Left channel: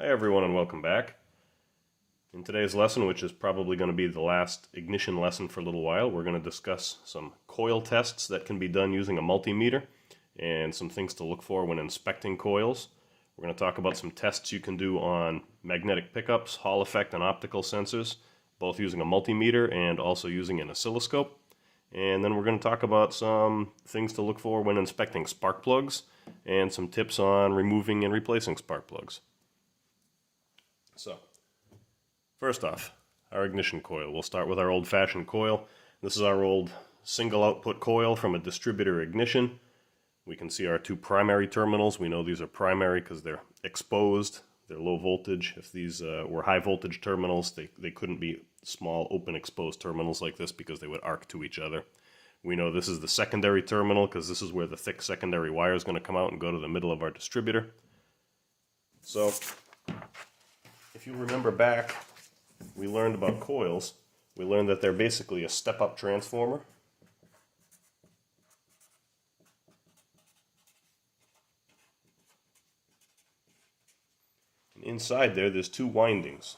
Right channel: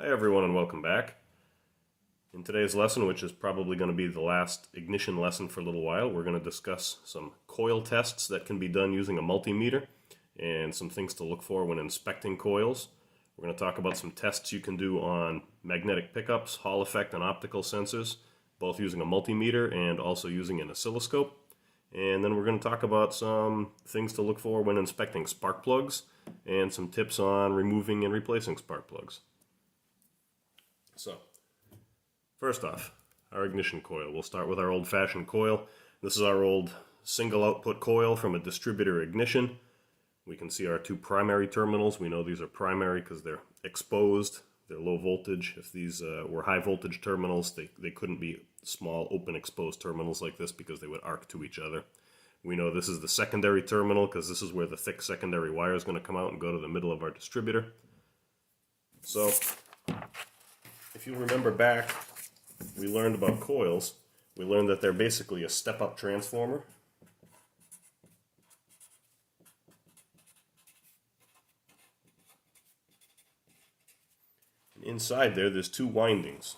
Hi everyone and welcome back. In today's lesson, which is probably going to be the last ignition lesson for a little while, we're going to discuss some coil tests that can be done using a multimeter and some things to look for when inspecting coils. We're going to talk about some tests you can do on magnetic pickups, Hall effect, and optical sensors, both using a multimeter and also using an oscilloscope. And then we're going to talk about some things to look for when inspecting spark plugs and some tips on removing and replacing spark plugs. So, first off, our ignition coil. We'll start with our old-fashioned coil. This is our old single output coil from a distributor ignition. We can see our two primary terminals. We know these are primary because they're exposed. They're low voltage. If these were high voltage terminals, they couldn't be small open exposed terminals like this because they would arc to each other. We know this is the secondary terminal because this is where the thick secondary wire is going to come out and go to the middle of our distributor. So, if you remember back, we learned about coils. We learned that they're basically a step-up transformer. And inside there's two windings.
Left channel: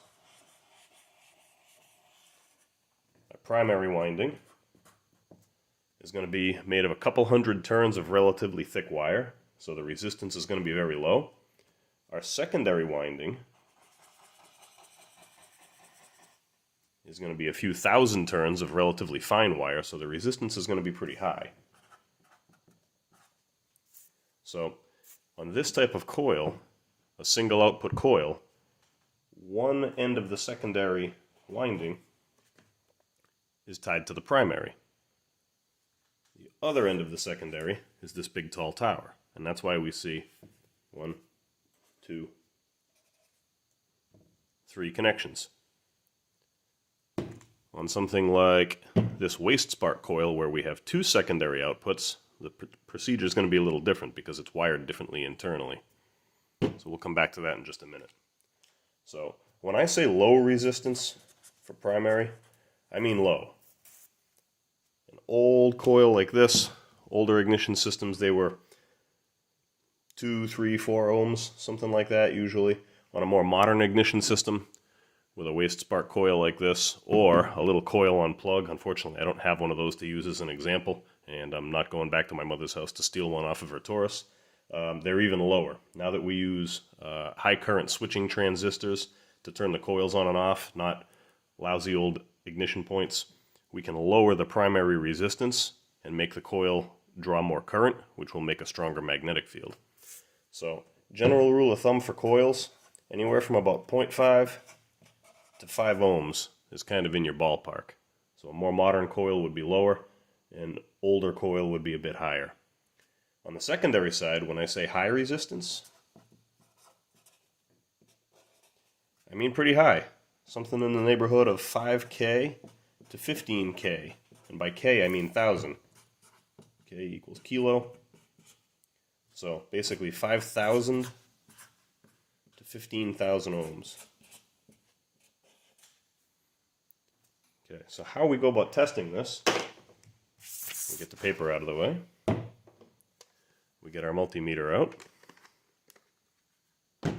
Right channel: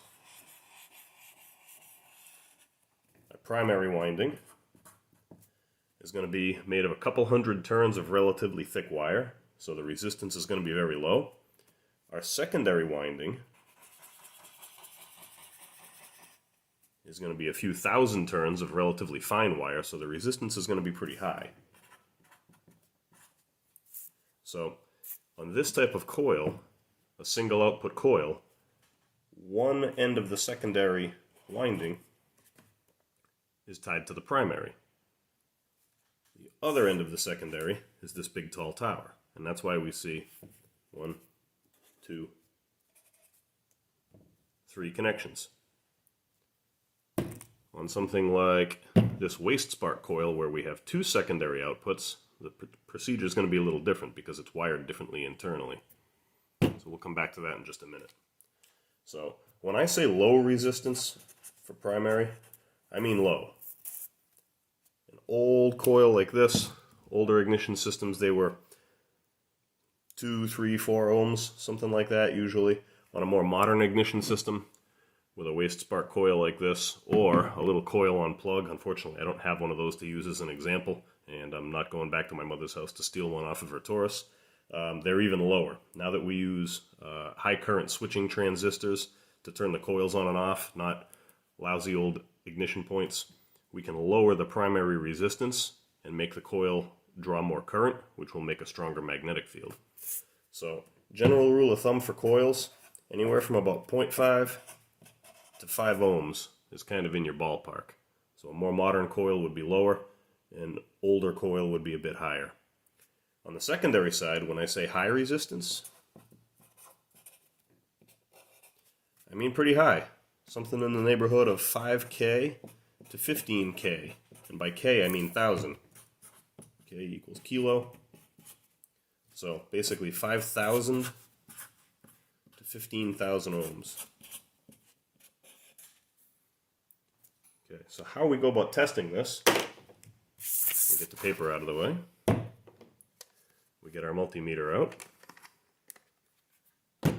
A primary winding is going to be made of a couple hundred turns of relatively thick wire, so the resistance is going to be very low. Our secondary winding is going to be a few thousand turns of relatively fine wire, so the resistance is going to be pretty high. So, on this type of coil, a single output coil, one end of the secondary winding is tied to the primary. The other end of the secondary is this big tall tower, and that's why we see 1, 2, 3 connections. On something like this waste spark coil where we have two secondary outputs, the procedure is going to be a little different because it's wired differently internally. So we'll come back to that in just a minute. So when I say low resistance for primary, I mean low. An old coil like this, older ignition systems, they were 2, 3, 4 ohms, something like that usually. On a more modern ignition system, with a waste spark coil like this, or a little coil on plug. Unfortunately, I don't have one of those to use as an example, and I'm not going back to my mother's house to steal one off of her Taurus. They're even lower. Now that we use high current switching transistors to turn the coils on and off, not lousy old ignition points, we can lower the primary resistance and make the coil draw more current, which will make a stronger magnetic field. So, general rule of thumb for coils, anywhere from about 0.5 to 5 ohms is kind of in your ballpark. So a more modern coil would be lower, and older coil would be a bit higher. On the secondary side, when I say high resistance, I mean pretty high. Something in the neighborhood of 5K to 15K. And by K, I mean 1,000. K equals kilo. So basically 5,000 to 15,000 ohms. Okay, so how we go about testing this, we get the paper out of the way, we get our multimeter out.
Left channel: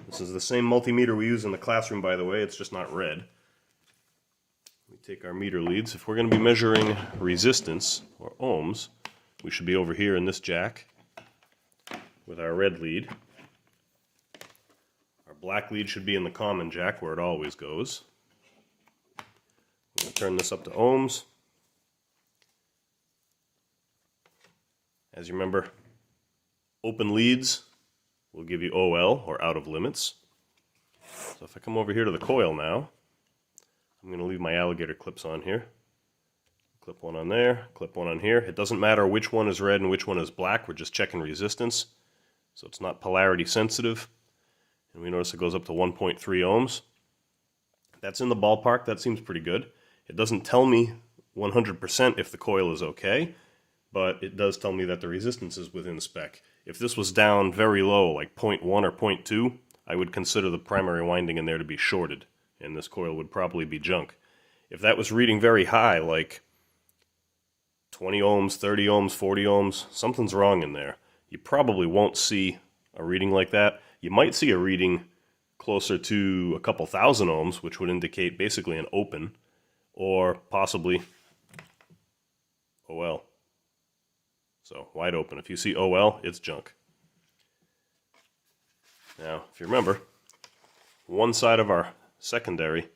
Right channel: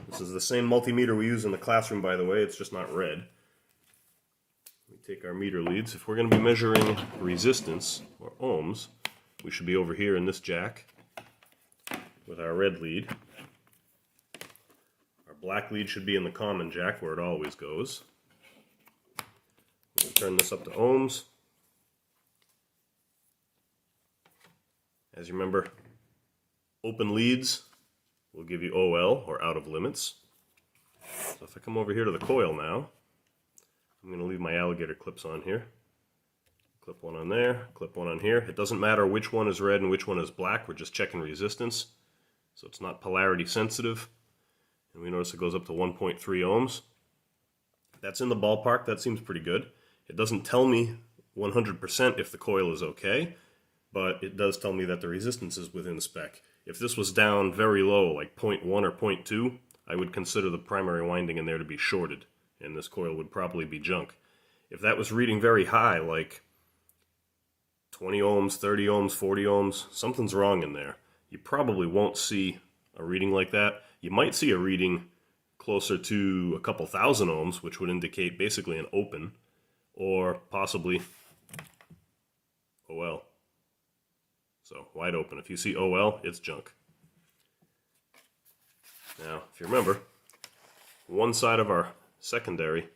This is the same multimeter we use in the classroom, by the way, it's just not red. We take our meter leads. If we're going to be measuring resistance, or ohms, we should be over here in this jack with our red lead. Our black lead should be in the common jack where it always goes. We'll turn this up to ohms. As you remember, open leads will give you OL, or out of limits. So if I come over here to the coil now, I'm going to leave my alligator clips on here. Clip one on there, clip one on here. It doesn't matter which one is red and which one is black, we're just checking resistance. So it's not polarity sensitive. And we notice it goes up to 1.3 ohms. That's in the ballpark, that seems pretty good. It doesn't tell me 100% if the coil is okay, but it does tell me that the resistance is within spec. If this was down very low, like 0.1 or 0.2, I would consider the primary winding in there to be shorted, and this coil would probably be junk. If that was reading very high, like 20 ohms, 30 ohms, 40 ohms, something's wrong in there. You probably won't see a reading like that. You might see a reading closer to a couple thousand ohms, which would indicate basically an open, or possibly OL. So wide open. If you see OL, it's junk. Now, if you remember, one side of our secondary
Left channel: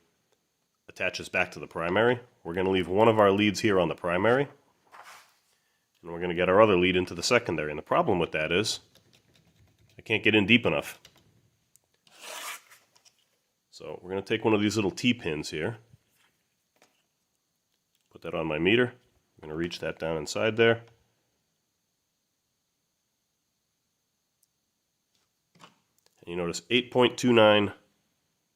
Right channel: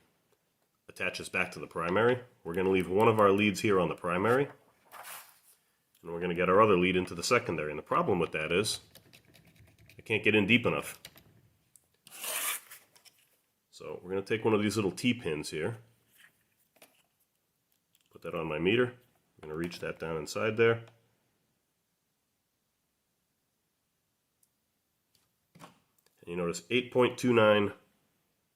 attaches back to the primary. We're going to leave one of our leads here on the primary, and we're going to get our other lead into the secondary. And the problem with that is I can't get in deep enough. So we're going to take one of these little T-pins here, put that on my meter. I'm going to reach that down inside there. And you notice 8.29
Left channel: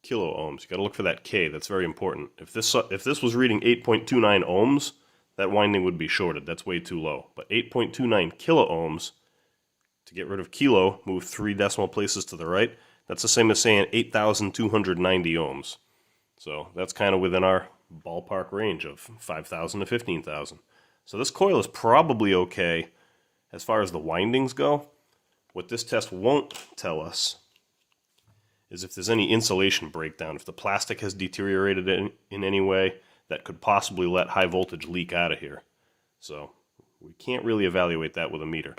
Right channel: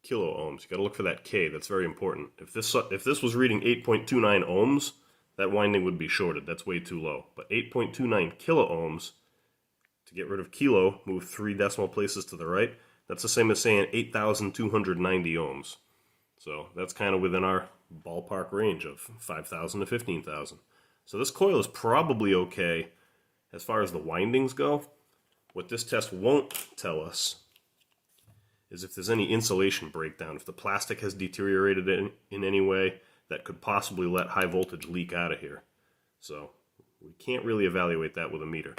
kilo ohms. You got to look for that K. That's very important. If this was reading 8.29 ohms, that winding would be shorted. That's way too low. But 8.29 kilo ohms, to get rid of kilo, move 3 decimal places to the right. That's the same as saying 8,290 ohms. So that's kind of within our ballpark range of 5,000 to 15,000. So this coil is probably okay as far as the windings go. What this test won't tell us is if there's any insulation breakdown, if the plastic has deteriorated in any way that could possibly let high voltage leak out of here. So we can't really evaluate that with a meter.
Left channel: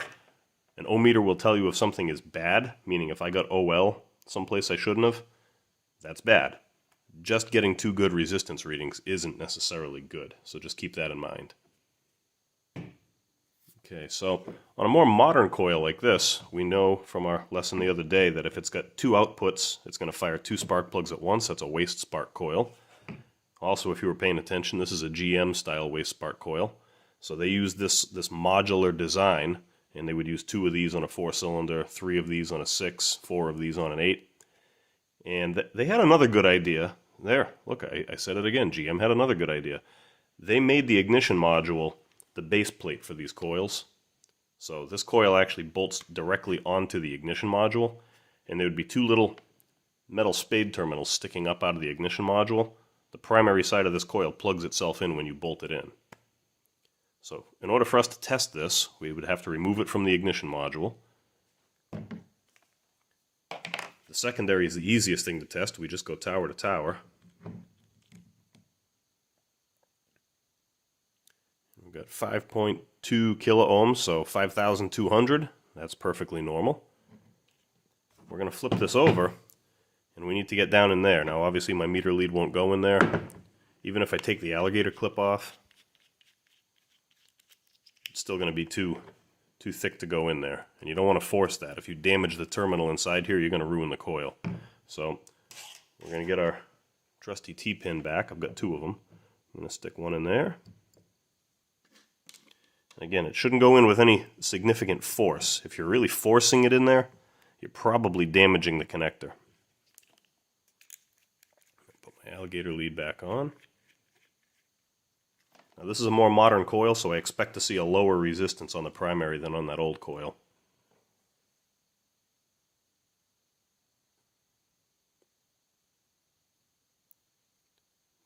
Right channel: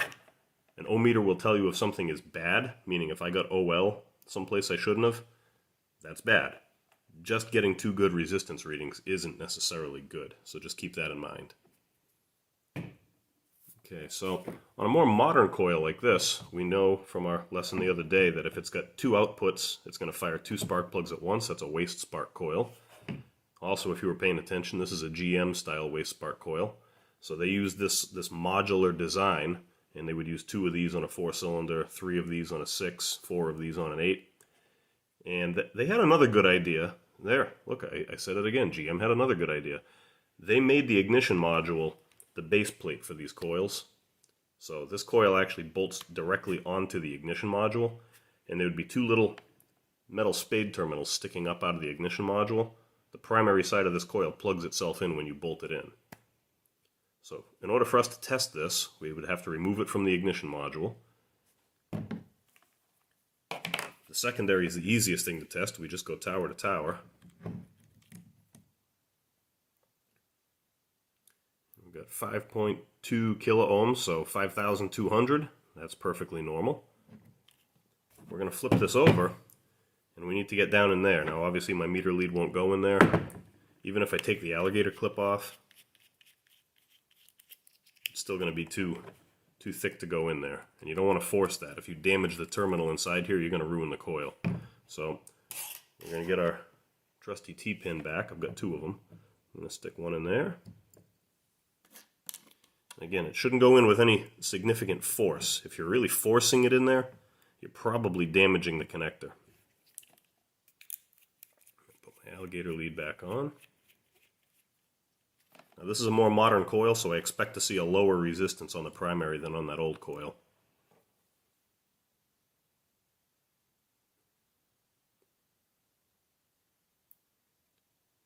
An ohmmeter will tell you if something is bad, meaning if I got OL someplace I shouldn't have, that's bad. Just getting too good resistance readings isn't necessarily good, so just keep that in mind. Okay, so on a more modern coil like this, we know from our lesson the other day that if it's got 2 outputs, it's going to fire 2 spark plugs at once. That's a waste spark coil. Also, if you were paying attention, this is a GM style waste spark coil. So they use this modular design, and they would use 2 of these on a 4-cylinder, 3 of these on a 6, 4 of these on an 8. And they had another good idea. There, look, I said it again. GM had another good idea. They made the ignition module the base plate for these coils. So this coil actually bolts directly onto the ignition module, and there would be 2 little metal spade terminals sticking up out of the ignition module. The primary side of this coil plugs itself in when you bolt it in. So in order for us to test this, we would have to remove it from the ignition module. The secondary is the easiest thing to test. We just go tower to tower. We've got 5.2 kilo ohms, so 5,200. That's perfectly normal. We're going to flip this over, and we need to get down in there. Now, obviously, my meter lead won't go in there. Even if I take the alligator clip off, it's still going to be too thick to go in there. And you don't want to force that. If you damage the terminal inside here, you're going to ruin the coil. So we're going to get our trusty T-pin back. I've got 2 of them. I'm going to stick one in there. Again, it shouldn't go in with any significant force. If you're really forcing it in there, you're probably damaging the connector. Put my alligator lead back on. Now this is a more modern coil, so I expect to see a lower resistance on the primary than on that old coil.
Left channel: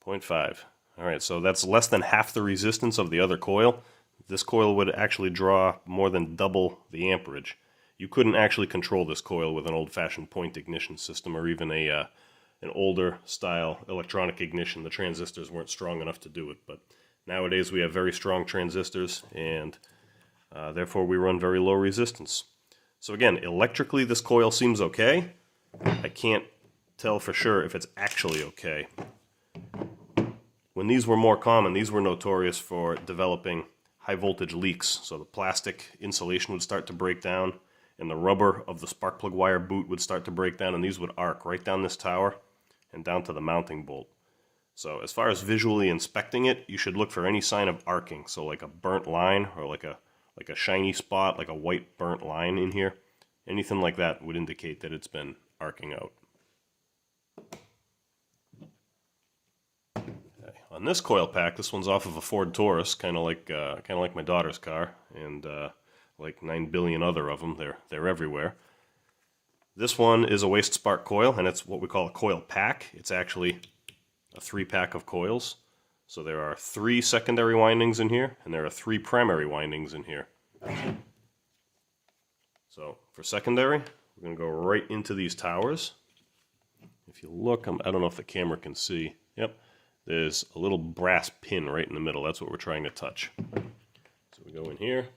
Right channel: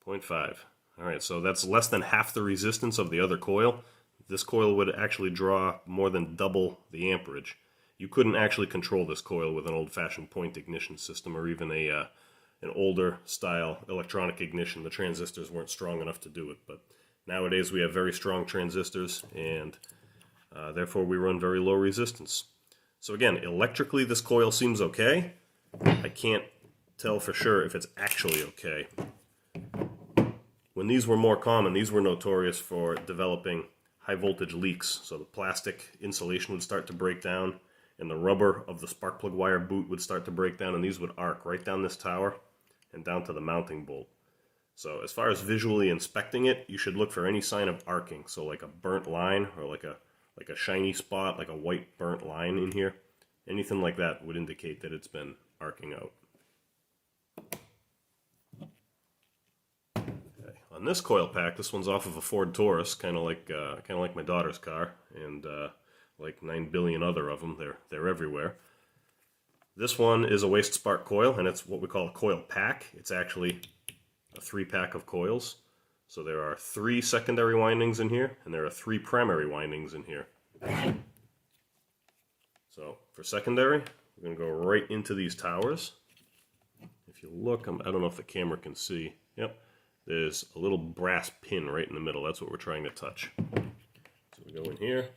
.5. Alright, so that's less than half the resistance of the other coil. This coil would actually draw more than double the amperage. You couldn't actually control this coil with an old-fashioned point ignition system or even an older style electronic ignition. The transistors weren't strong enough to do it, but nowadays we have very strong transistors, and therefore we run very low resistance. So again, electrically this coil seems okay. I can't tell for sure if it's actually okay. When these were more common, these were notorious for developing high voltage leaks. So the plastic insulation would start to break down, and the rubber of the spark plug wire boot would start to break down, and these would arc right down this tower and down to the mounting bolt. So as far as visually inspecting it, you should look for any sign of arcing. So like a burnt line or like a shiny spot, like a white burnt line in here. Anything like that would indicate that it's been arcing out. On this coil pack, this one's off of a Ford Taurus, kind of like my daughter's car, and like 9 billion other of them. They're everywhere. This one is a waste spark coil, and it's what we call a coil pack. It's actually a 3-pack of coils. So there are 3 secondary windings in here, and there are 3 primary windings in here. So for secondary, we're going to go right into these towers. if you look, I don't know if the camera can see. Yep, there's a little brass pin right in the middle. That's what we're trying to touch. So we go in here.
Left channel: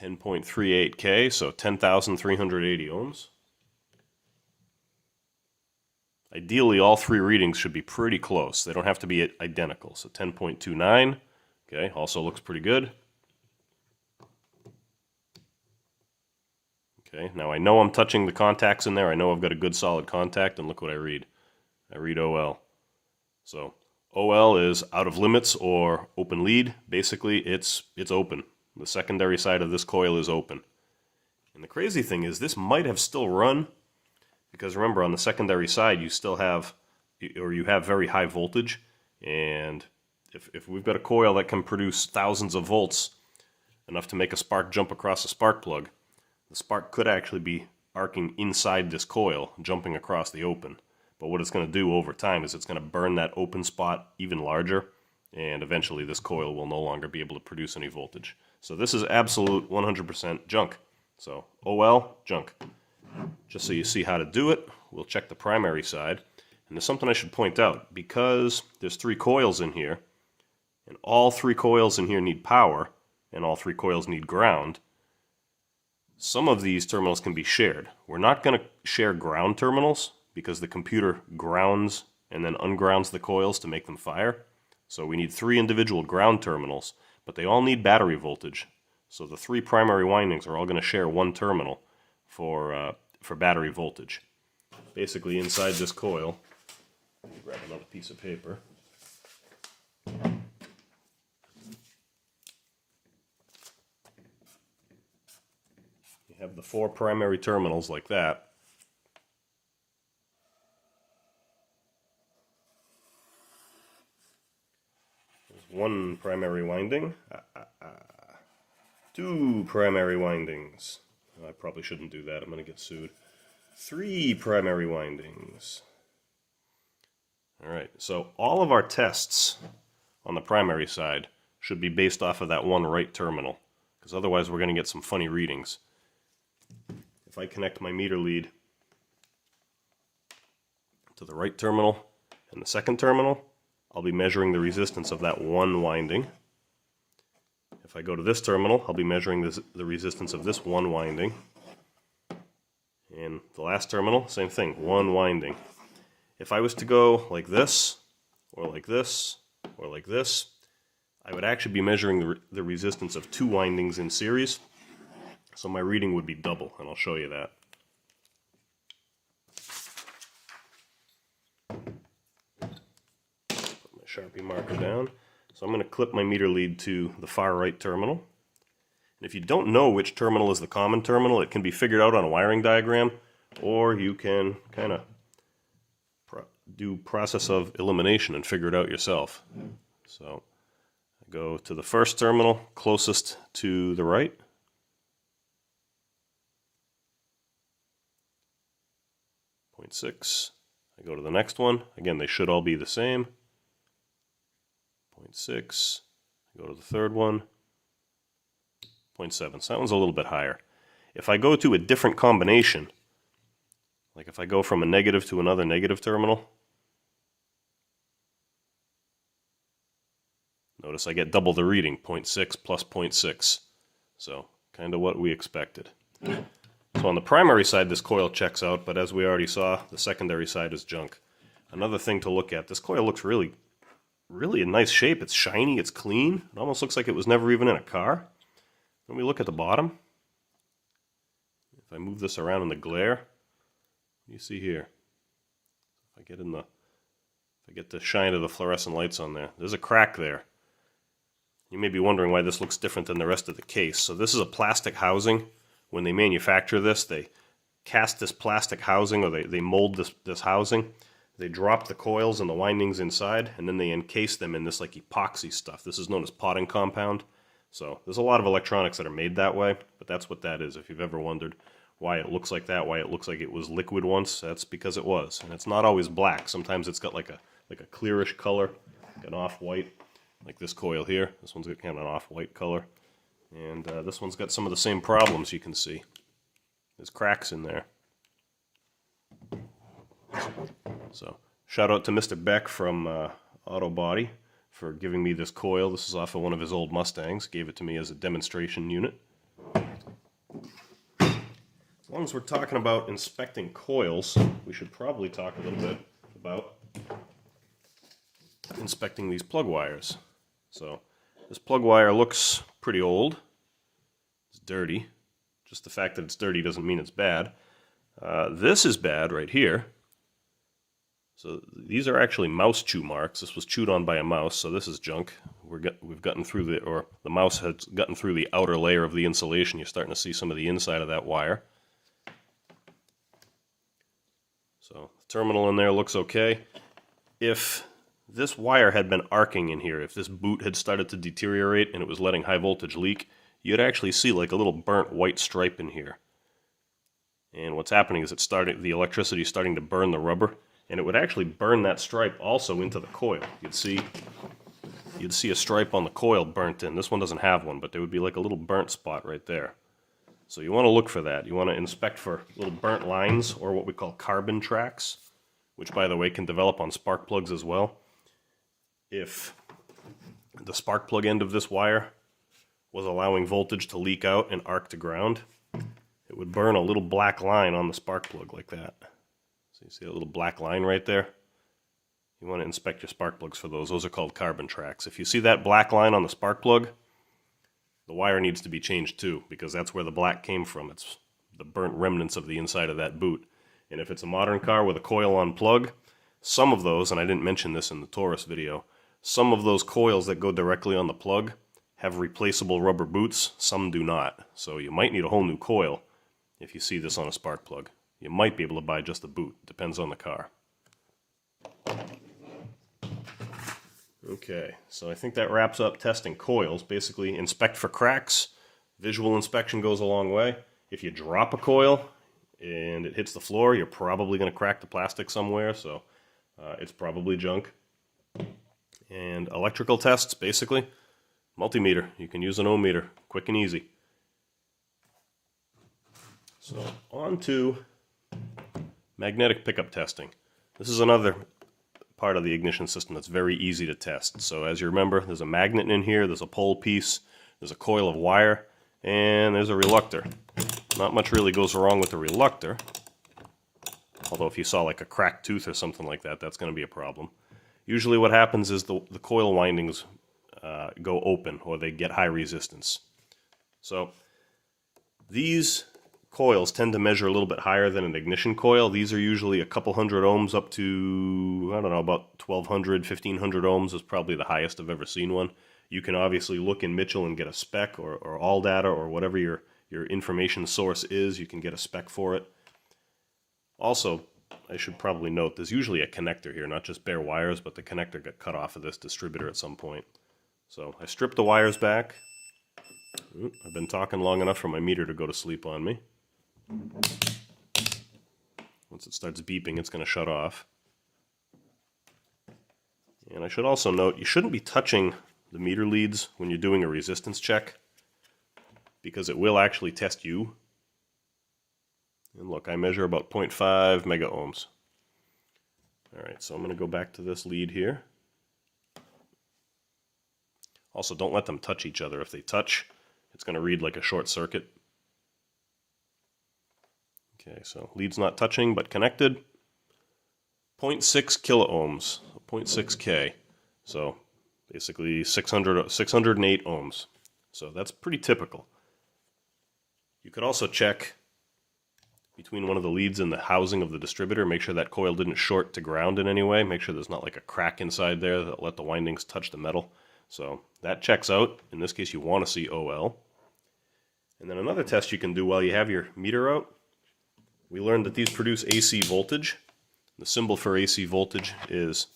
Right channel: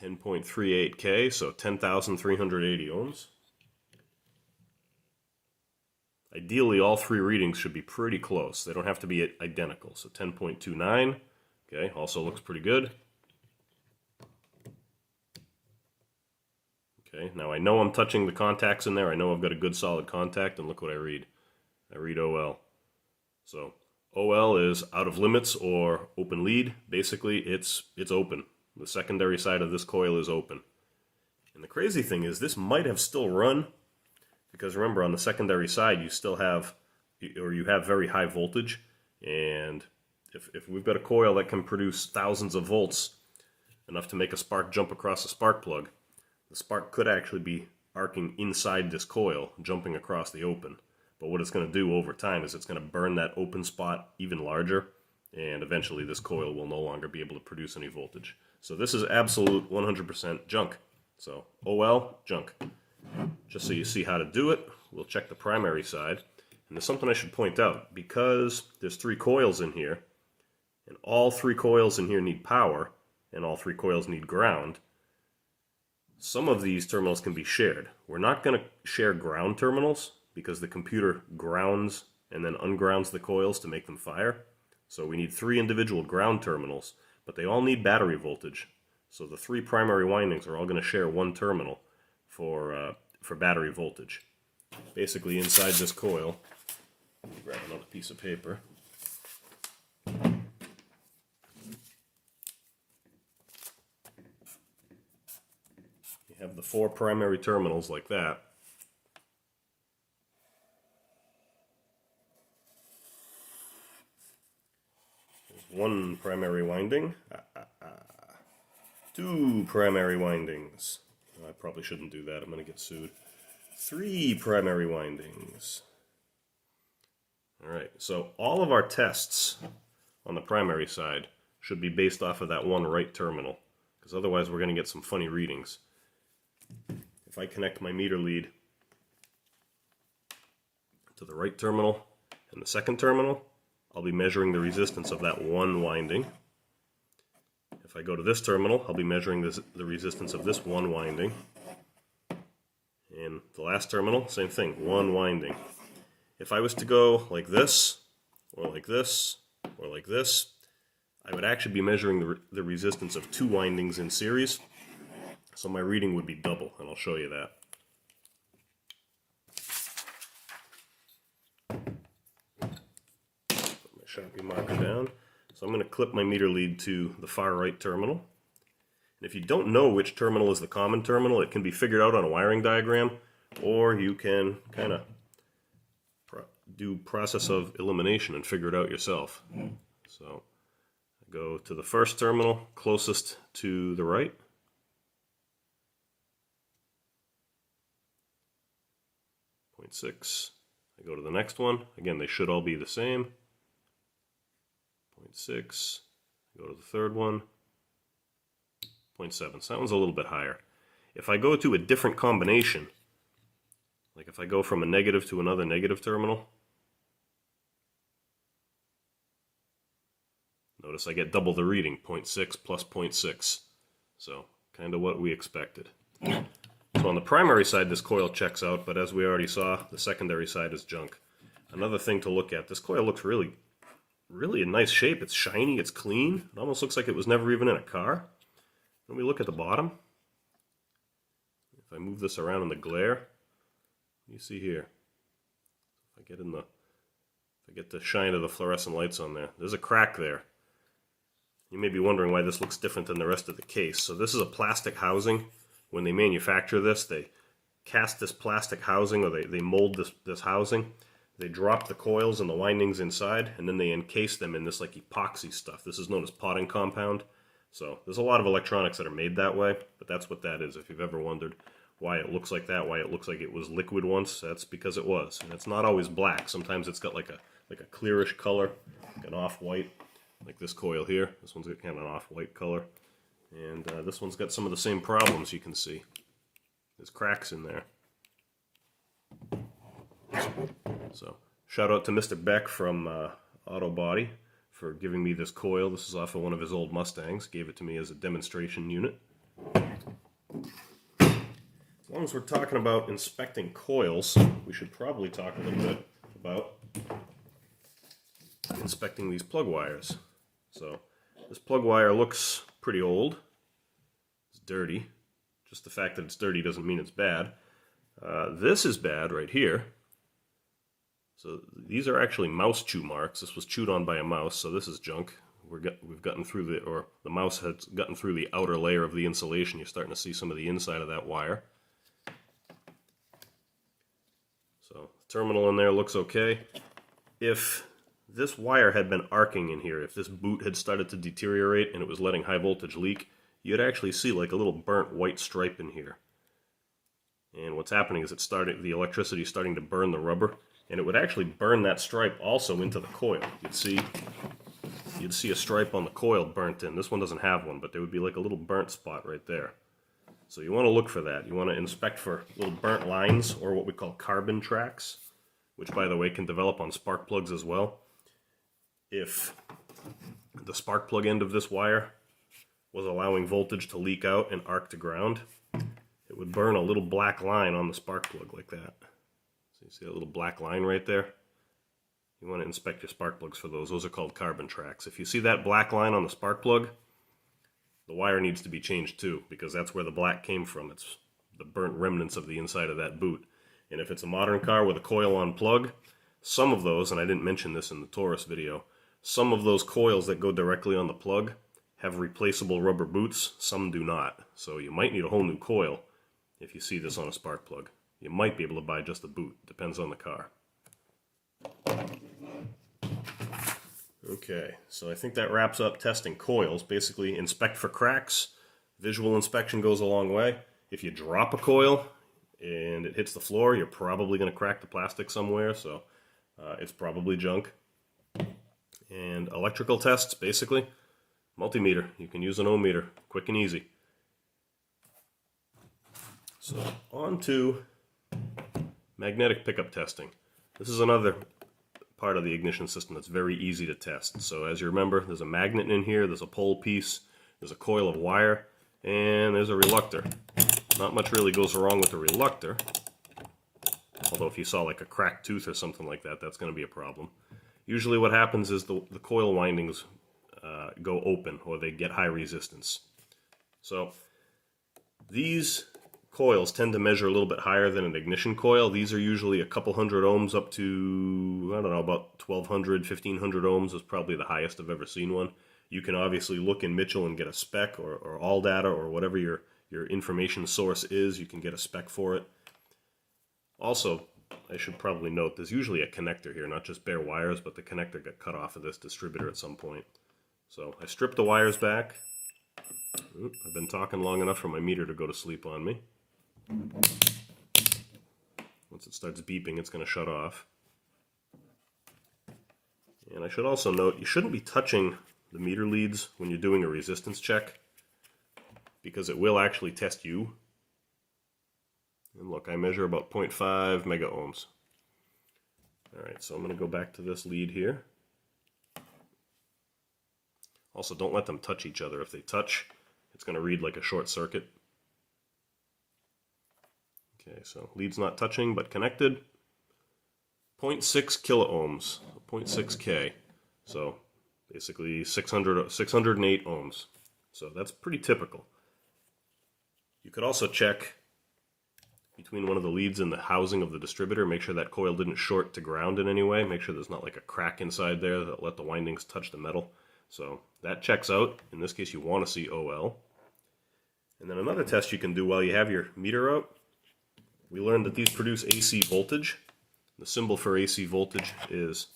$10.38K, so 10,380 ohms. Ideally, all three readings should be pretty close. They don't have to be identical. So 10.29, okay, also looks pretty good. Okay, now I know I'm touching the contacts in there. I know I've got a good solid contact, and look what I read. I read OL. So OL is out of limits or open lead. Basically, it's open. The secondary side of this coil is open. And the crazy thing is this might have still run, because remember, on the secondary side you still have, or you have very high voltage, and if we've got a coil that can produce thousands of volts, enough to make a spark jump across a spark plug, the spark could actually be arcing inside this coil, jumping across the open. But what it's going to do over time is it's going to burn that open spot even larger, and eventually this coil will no longer be able to produce any voltage. So this is absolute 100% junk. So OL, junk. Just so you see how to do it, we'll check the primary side. And there's something I should point out. Because there's three coils in here, and all three coils in here need power, and all three coils need ground, some of these terminals can be shared. We're not going to share ground terminals because the computer grounds and then ungrounds the coils to make them fire. So we need three individual ground terminals, but they all need battery voltage. So the three primary windings are all going to share one terminal for battery voltage. Basically, inside this coil, let me grab another piece of paper. You have the four primary terminals like that. There's one primary winding. Two primary windings. I probably shouldn't do that. I'm going to get sued. Three primary windings. Alright, so all of our tests on the primary side should be based off of that one right terminal, because otherwise we're going to get some funny readings. If I connect my meter lead to the right terminal and the second terminal, I'll be measuring the resistance of that one winding. If I go to this terminal, I'll be measuring the resistance of this one winding. And the last terminal, same thing, one winding. If I was to go like this, or like this, or like this, I would actually be measuring the resistance of two windings in series. So my reading would be double, and I'll show you that. Put my Sharpie marker down. So I'm going to clip my meter lead to the far right terminal. And if you don't know which terminal is the common terminal, it can be figured out on a wiring diagram, or you can kind of do process of elimination and figure it out yourself. So I go to the first terminal closest to the right. .6. I go to the next one. Again, they should all be the same. 0.6. I go to the third one. 0.7. So that one's a little bit higher. If I go to a different combination, like if I go from a negative to another negative terminal, notice I get double the reading, 0.6 plus 0.6. So kind of what we expected. So on the primary side, this coil checks out, but as we already saw, the secondary side is junk. Another thing to look at, this coil looks really in nice shape. It's shiny, it's clean. It almost looks like it was never even in a car. When we look at the bottom, if I move this around in the glare, what do you see here? If I get the shine of the fluorescent lights on there, there's a crack there. You may be wondering why this looks different than the rest of the case. So this is a plastic housing. When they manufacture this, they cast this plastic housing, or they mold this housing. They drop the coils and the windings inside, and then they encase them in this like epoxy stuff. This is known as potting compound. So there's a lot of electronics that are made that way, but that's what that is. If you've ever wondered why it looks like that, why it looks like it was liquid once, that's because it was. And it's not always black. Sometimes it's got like a clearish color, like an off-white, like this coil here. This one's got kind of an off-white color. And this one's got some of the same problems you can see. There's cracks in there. So shout out to Mr. Beck from Auto Body for giving me this coil. This is off of one of his old Mustangs. Gave it to me as a demonstration unit. As long as we're talking about inspecting coils, we should probably talk a little bit about inspecting these plug wires. So this plug wire looks pretty old. It's dirty. Just the fact that it's dirty doesn't mean it's bad. This is bad right here. So these are actually mouse chew marks. This was chewed on by a mouse, so this is junk. We've gotten through the mouse has gotten through the outer layer of the insulation. You're starting to see some of the inside of that wire. So the terminal in there looks okay. If this wire had been arcing in here, if this boot had started to deteriorate and it was letting high voltage leak, you'd actually see like a little burnt white stripe in here. And what's happening is the electricity is starting to burn the rubber, and it would actually burn that stripe also into the coil. You'd see a stripe on the coil burnt in. This one doesn't have one, but there would be like a little burnt spot right there. So you want to look for that. You want to inspect for little burnt lines, or what we call carbon tracks, which by the way can develop on spark plugs as well. If the spark plug end of this wire was allowing voltage to leak out and arc to ground, it would burn a little black line on the spark plug like that. So you see a little black line right there? You want to inspect your spark plugs for those. Those are called carbon tracks. If you see that black line on the spark plug, the wire needs to be changed too, because that's where the black came from. It's the burnt remnants of the inside of that boot. And if it's a modern car with a coil-on plug, some of those, and I didn't mention this in the Taurus video, some of those coils that go directly on the plug have replaceable rubber boots, some do not. So you might need a whole new coil if you see this on a spark plug. You might be able to buy just the boot, depends on the car. Okay, so I think that wraps up testing coils. Basically, inspect for cracks. Visual inspection goes a long way. If you drop a coil and it hits the floor, you're probably going to crack the plastic somewhere, so it's probably junk. And electrical tests, basically, multimeter. You can use an ohm meter, quick and easy. So on to magnetic pickup testing. This is another part of the ignition system that's very easy to test. So as you remember, there's a magnet in here, there's a pole piece, there's a coil of wire, and there's a reluctor. Not much really goes wrong with the reluctor, although if you saw like a cracked tooth or something like that, that's going to be a problem. Usually what happens is the coil windings go open, or they get high resistance. So these coils tend to measure a little bit higher than an ignition coil. These are usually a couple hundred ohms up to, I don't know, about 1200, 1500 ohms is probably the highest I've ever seen one. You can obviously look in Mitchell and get a spec, or all data, or whatever your information source is, you can get a spec for it. Also, I should probably note, there's usually a connector here, not just bare wires, but the connector got cut off of this distributor at some point. So I stripped the wires back. I've been talking long enough for my meter to go to sleep on me. Once it starts beeping, it's going to shut off. And I should also note, you shouldn't be touching the meter leads when you're doing a resistance check, because it will actually test you. And look, I measure about 0.5 mega ohms. Alright, so I'm going to go back to this lead here. Also, don't let them touch each other. If they touch, it's going to read like a short circuit. Okay, so lead's not touching, but connected. 0.6 kilo ohms, 0.6K. So basically 608 ohms. So that's pretty typical. You could also check between one of the leads and the housing of the distributor, make sure that coil didn't short to ground in any way, make sure there's not like a crack inside there that let the windings touch the metal. So that checks out. In this case, you want to see OL. And then another test you can do while you have your meter out, we learned that these produce AC voltage. The symbol for AC voltage is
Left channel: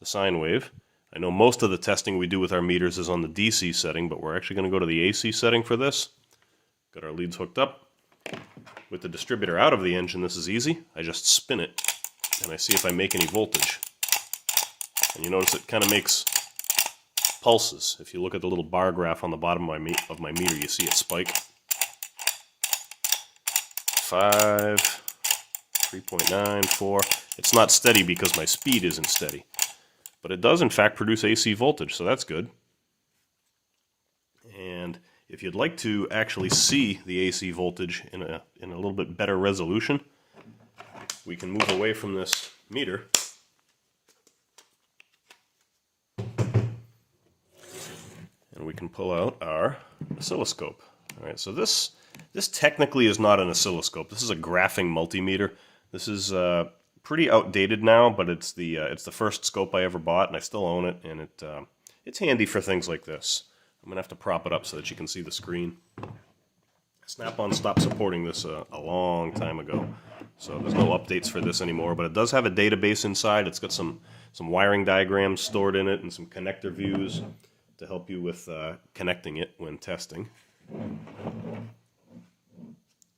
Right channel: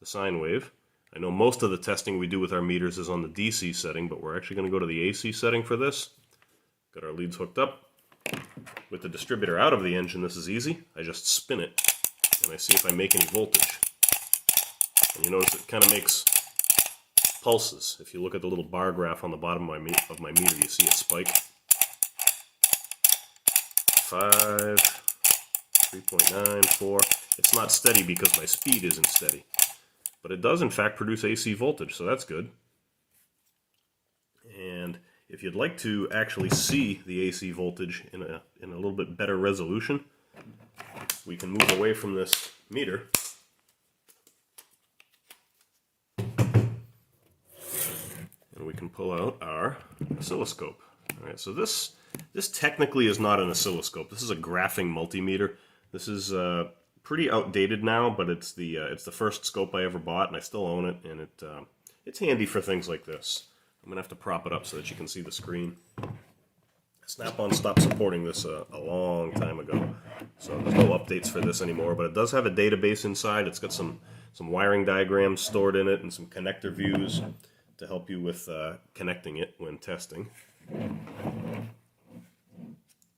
the sine wave. I know most of the testing we do with our meters is on the DC setting, but we're actually going to go to the AC setting for this. Got our leads hooked up. With the distributor out of the engine, this is easy. I just spin it, and I see if I make any voltage. And you notice it kind of makes pulses. If you look at the little bar graph on the bottom of my meter, you see it spike. 5, 3.9, 4. It's not steady because my speed isn't steady. But it does, in fact, produce AC voltage, so that's good. And if you'd like to actually see the AC voltage in a little bit better resolution, we can move away from this meter. And we can pull out our oscilloscope. All right, so this technically is not an oscilloscope. This is a graphing multimeter. This is pretty outdated now, but it's the first scope I ever bought, and I still own it, and it's handy for things like this. I'm gonna have to prop it up so that you can see the screen. Snap-on stopped supporting this a long time ago, so there's no updates for this anymore, but it does have a database inside. It's got some wiring diagrams stored in it and some connector views to help you with connecting it when testing.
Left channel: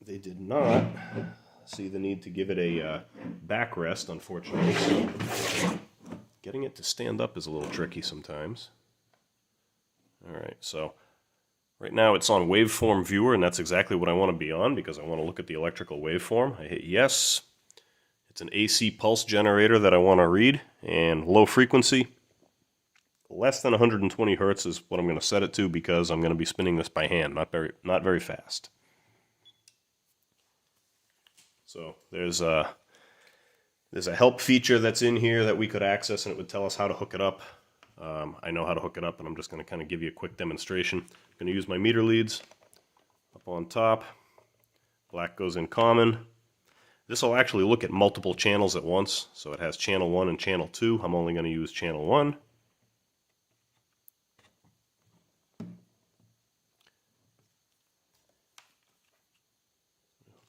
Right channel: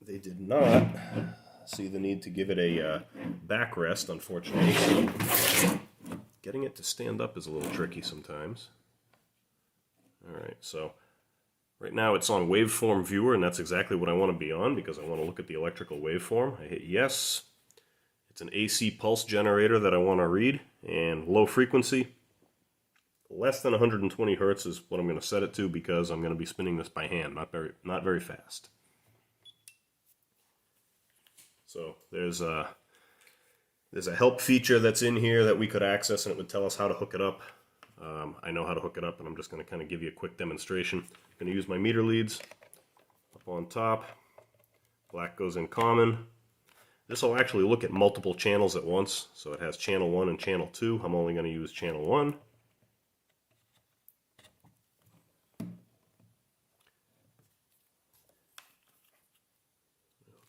They did not see the need to give it a backrest, unfortunately. So getting it to stand up is a little tricky sometimes. Alright, so right now it's on waveform viewer, and that's exactly what I want to be on because I want to look at the electrical waveform. I hit yes. It's an AC pulse generator that I want to read, and low frequency. Less than 120 hertz is what I'm going to set it to because I'm going to be spinning this by hand, not very fast. So there's a help feature that's in here that we could access, and it would tell us how to hook it up. I know how to hook it up, and I'm just going to kind of give you a quick demonstration. I'm going to use my meter leads up on top. Black goes in common. This will actually look at multiple channels at once, so it has channel 1 and channel 2. I'm only going to use channel 1.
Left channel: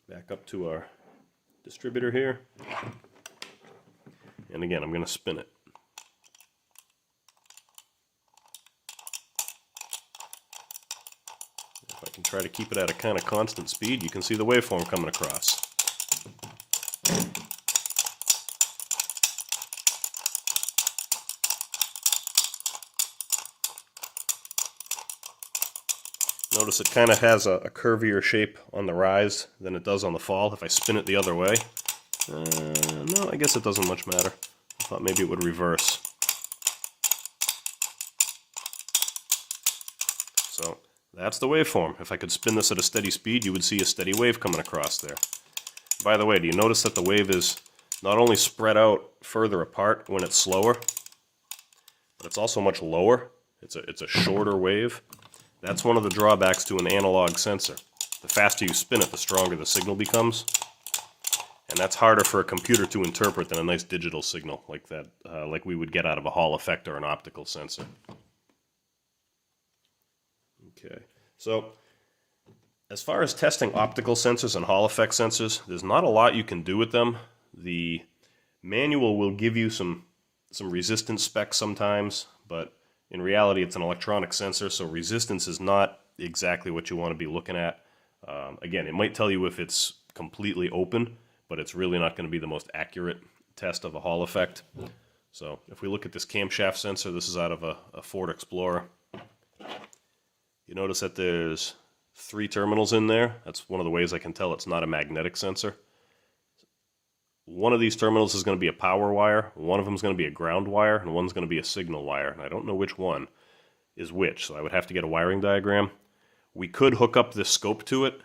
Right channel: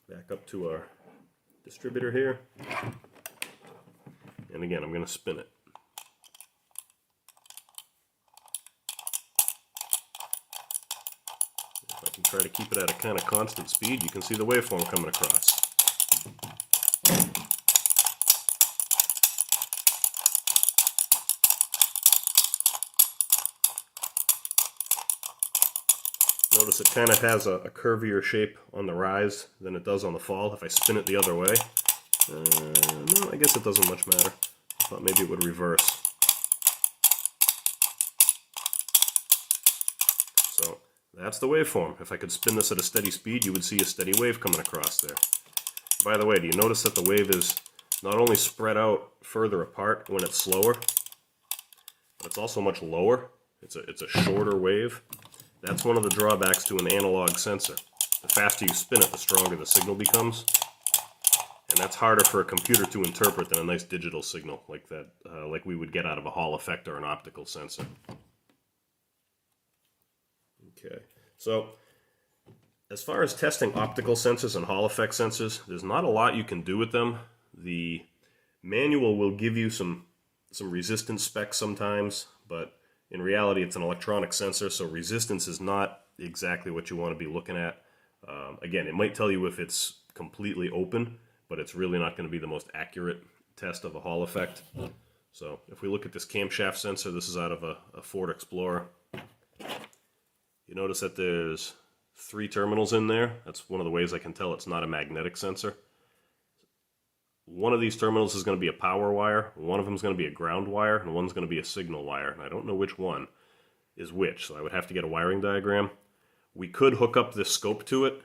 Back up to our distributor here. And again, I'm going to spin it. If I can try to keep it at a kind of constant speed, you can see the waveform coming across. Notice it kind of has a curvier shape on the rise than it does on the fall. If I spin it the other way, no, I guess it doesn't much matter. I thought maybe it would reverse. So that's the waveform. If I could spin this at a steady speed, you would see a steady wave coming across there. By the way, do you notice that the wave is not only spread out further apart when it's slower, but it's also much lower? It's a shorter wave. That's one of the drawbacks to an analog sensor. The faster you spin it, the stronger the signal becomes. And that's harder for a computer to interpret than a nice digital signal like that, like we would get out of a Hall effect or an optical sensor. Okay, so as far as testing optical sensors and Hall effect sensors, there's not a lot you can do with them. The manual will give you some resistance specs sometimes, but in reality, it's an electronic sensor, so resistance is not exactly what you want to be looking at. Again, it might tell you if it's completely open, but it's really not going to be the most accurate test of a Hall effect. So if we look at this camshaft sensor, this is out of a Ford Explorer. You notice that there's 3 terminals in there. That's one of the ways I can tell it's not a magnetic sensor. One of these terminals is going to be a power wire, one of them is going to be a ground wire, and one's going to be a signal wire. And I don't know which one is which, so I would have to get a wiring diagram. We could hook up this scope to it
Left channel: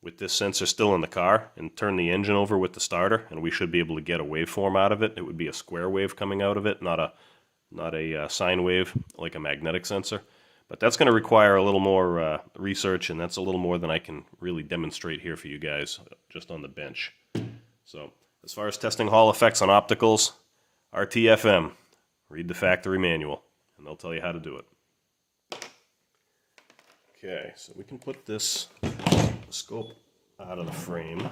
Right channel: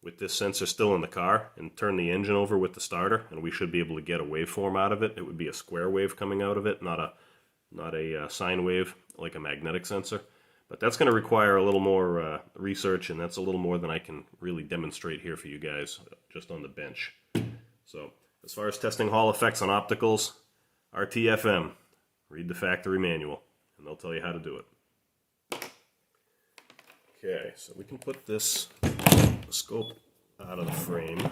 with this sensor still in the car and turn the engine over with the starter, and we should be able to get a waveform out of it. It would be a square wave coming out of it, not a sine wave like a magnetic sensor. But that's going to require a little more research, and that's a little more than I can really demonstrate here for you guys just on the bench. So, as far as testing Hall effects on opticals, RTFM, read the factory manual, and they'll tell you how to do it. Okay, so we can put this scope out of the frame.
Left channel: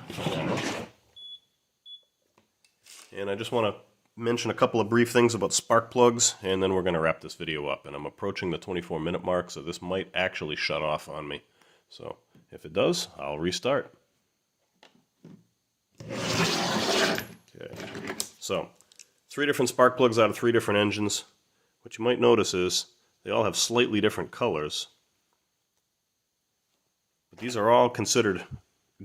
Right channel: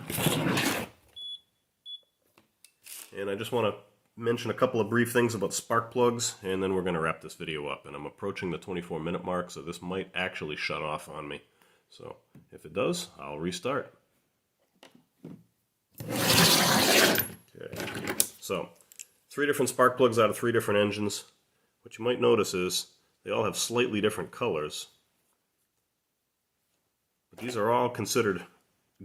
And I just want to mention a couple of brief things about spark plugs, and then we're going to wrap this video up. And I'm approaching the 24-minute mark, so this might actually shut off on me. So, if it does, I'll restart. Okay, so 3 different spark plugs out of 3 different engines. What you might notice is they all have slightly different colors. But these are all considered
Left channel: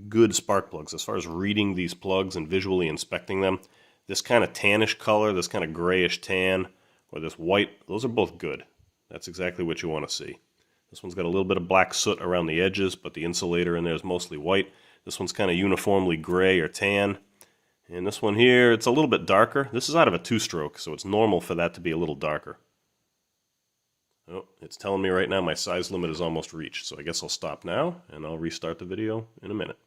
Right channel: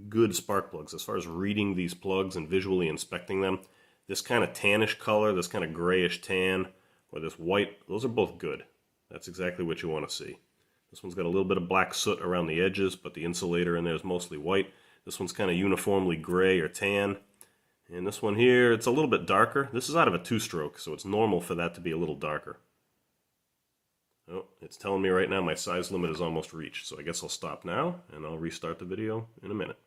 good spark plugs. As far as reading these plugs and visually inspecting them, this kind of tannish color, this kind of grayish tan, or this white, those are both good. That's exactly what you want to see. This one's got a little bit of black soot around the edges, but the insulator in there is mostly white. This one's kind of uniformly gray or tan. And this one here, it's a little bit darker. This is out of a 2-stroke, so it's normal for that to be a little darker. Oh, it's telling me right now my size limit is almost reached, so I guess I'll stop now, and I'll restart the video in a minute.